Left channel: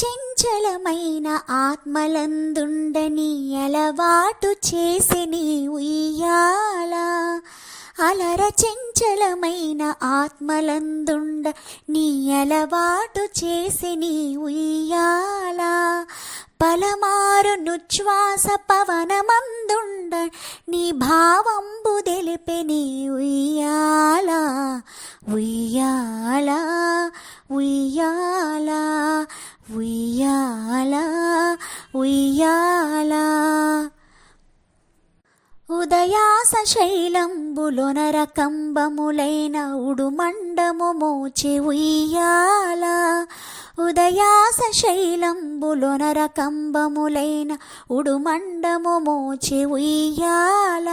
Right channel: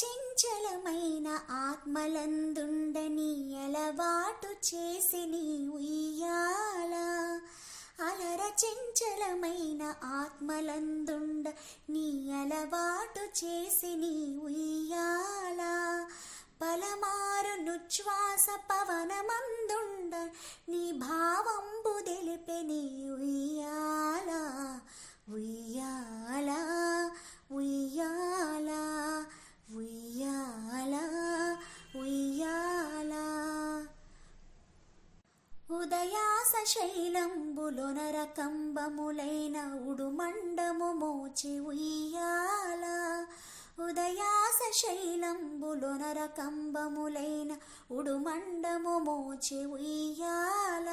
చంచలమైన ఆత్మలందుండని అలవాటు చేసినీ ఉయ్యాల అలర చంచలమైన ఆత్మలందుండ నీ అలవాటు చేసి నీ ఉయ్యాల పలమారు నుచ్ఛ్వాస పవనమందుండ నీ భావంబు తెలిపే నీ ఉయ్యాల ఉయ్యాల ఉయ్యాల. ఉయ్యాల. ఉదయాస శైలంబులొన రకంబములైన ఉడుమండము మోచి ఉయ్యాల. ఉదయాస శైలంబులొన రకంబములైన ఉడుమండము మోచి ఉయ్యాల.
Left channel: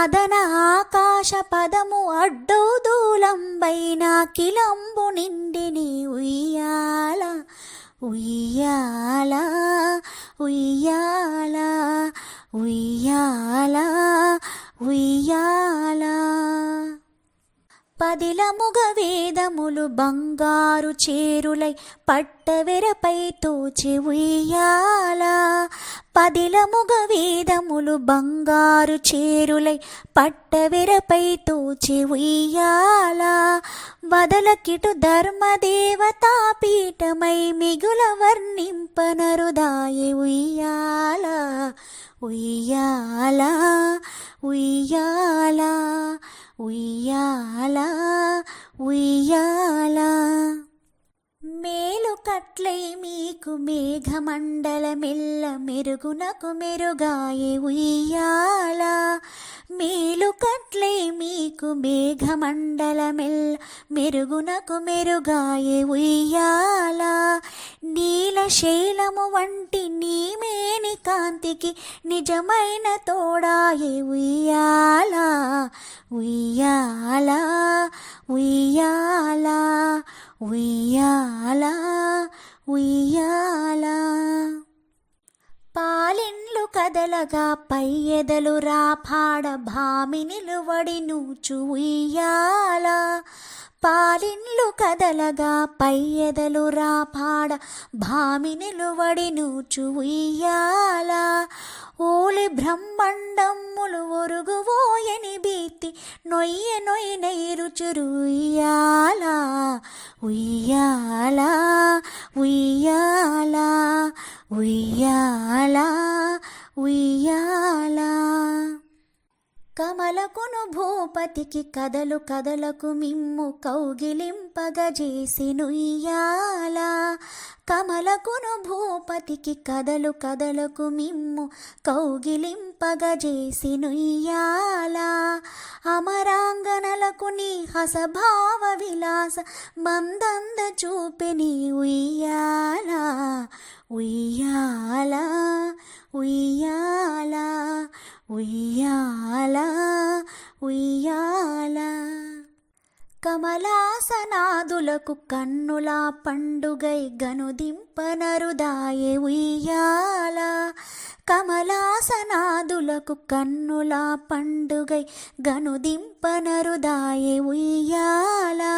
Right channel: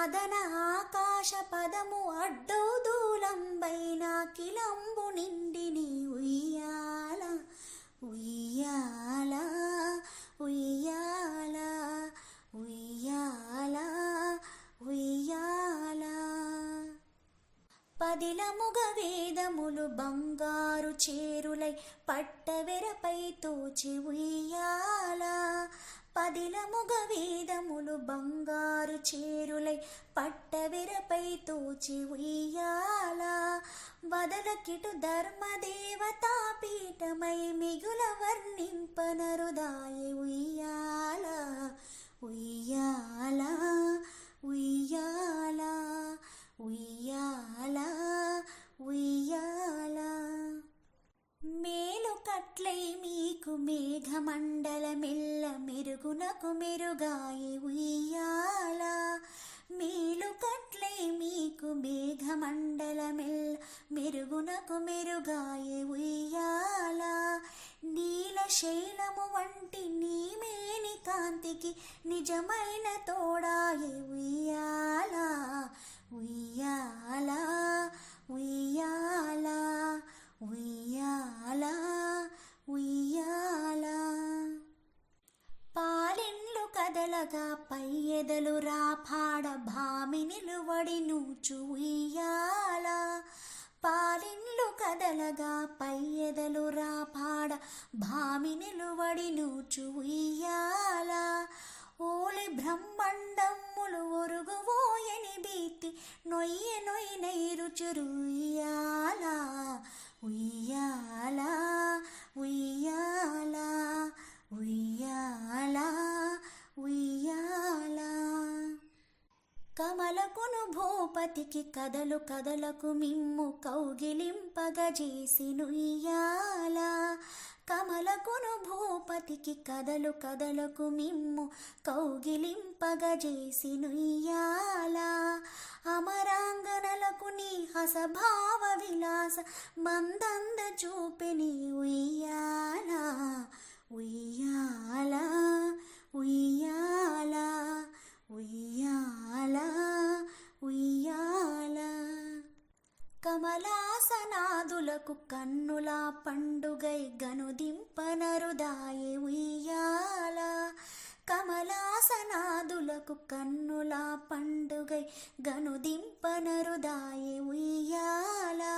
అదన ఆకాశ పదము అడ్డు దూలంబైన కిలంబు నిండిని ఉయ్యాల. ఉయ్యాలా. ఉయ్యాల ఉయ్యాల ఉయ్యాల. పదిలముగ వేదములు బంగారు చేరులై పట్టవెరపై తోచి ఉయ్యాల. పదిలముగ వేదములు బంగారు చేరులై పట్టవెరపై తోచి ఉయ్యాల. వదలకిటు ధర్మదేవతా పీఠమై మిగుల వర్ణింపనరుదాయి ఉయ్యాల ఉయ్యాల ఉయ్యాల ఉయ్యాల ఉయ్యాల. మేలు కట్లై మీకు మేఘమండల మెల్ల మెరుగునకు మెరుగాయి ఉయ్యాల. మేలు కట్లై మీకు మేఘమండల మేఘమండలమెల్ల మెరుగునకు మెరుగాయే ఉయ్యాల. నీలశైలము వంటి నీమేని కాంతికి నిజమైన తోడాయి ఉయ్యాల. ఉయ్యాల ఉయ్యాల ఉయ్యాల ఉయ్యాల. పాలిండ్లు కదలగా పై ఎదలు రాపాడ భామి నిలువడి నూచు ఉయ్యాల. పాలిన్లు కదలగా పై ఎదలు రాపాడ భామి నిలువడి నూచు ఉయ్యాల. ఓలి బ్రహ్మండమ్ములు ఒరుగువోయని భీతి నొయ్య నొయ్య నైరుచురు ఉయ్యాల. ఉయ్యాల ఉయ్యాల ఉయ్యాల ఉయ్యాల. కమలకును భూపతికి కదలు కదలకు మిమ్ము కౌగిలింపగజేసి నుయ్యాల కమలకును భూపతికి కదలు కదలకు మిమ్ము కౌగిలింపగజేసి నుయ్యాల అమరాంగనలకు నీ హసభావ విలాస మందంద చూపిని ఉయ్యాల ఉయ్యాల ఉయ్యాల ఉయ్యాల కమలాసనాదులకు కన్నుల పండుగై గనుదింపనరుదాయే ఉయ్యాల. కమలాసనాదులకు కన్నుల పండుగై గనుదింపనరుదాయే ఉయ్యాల.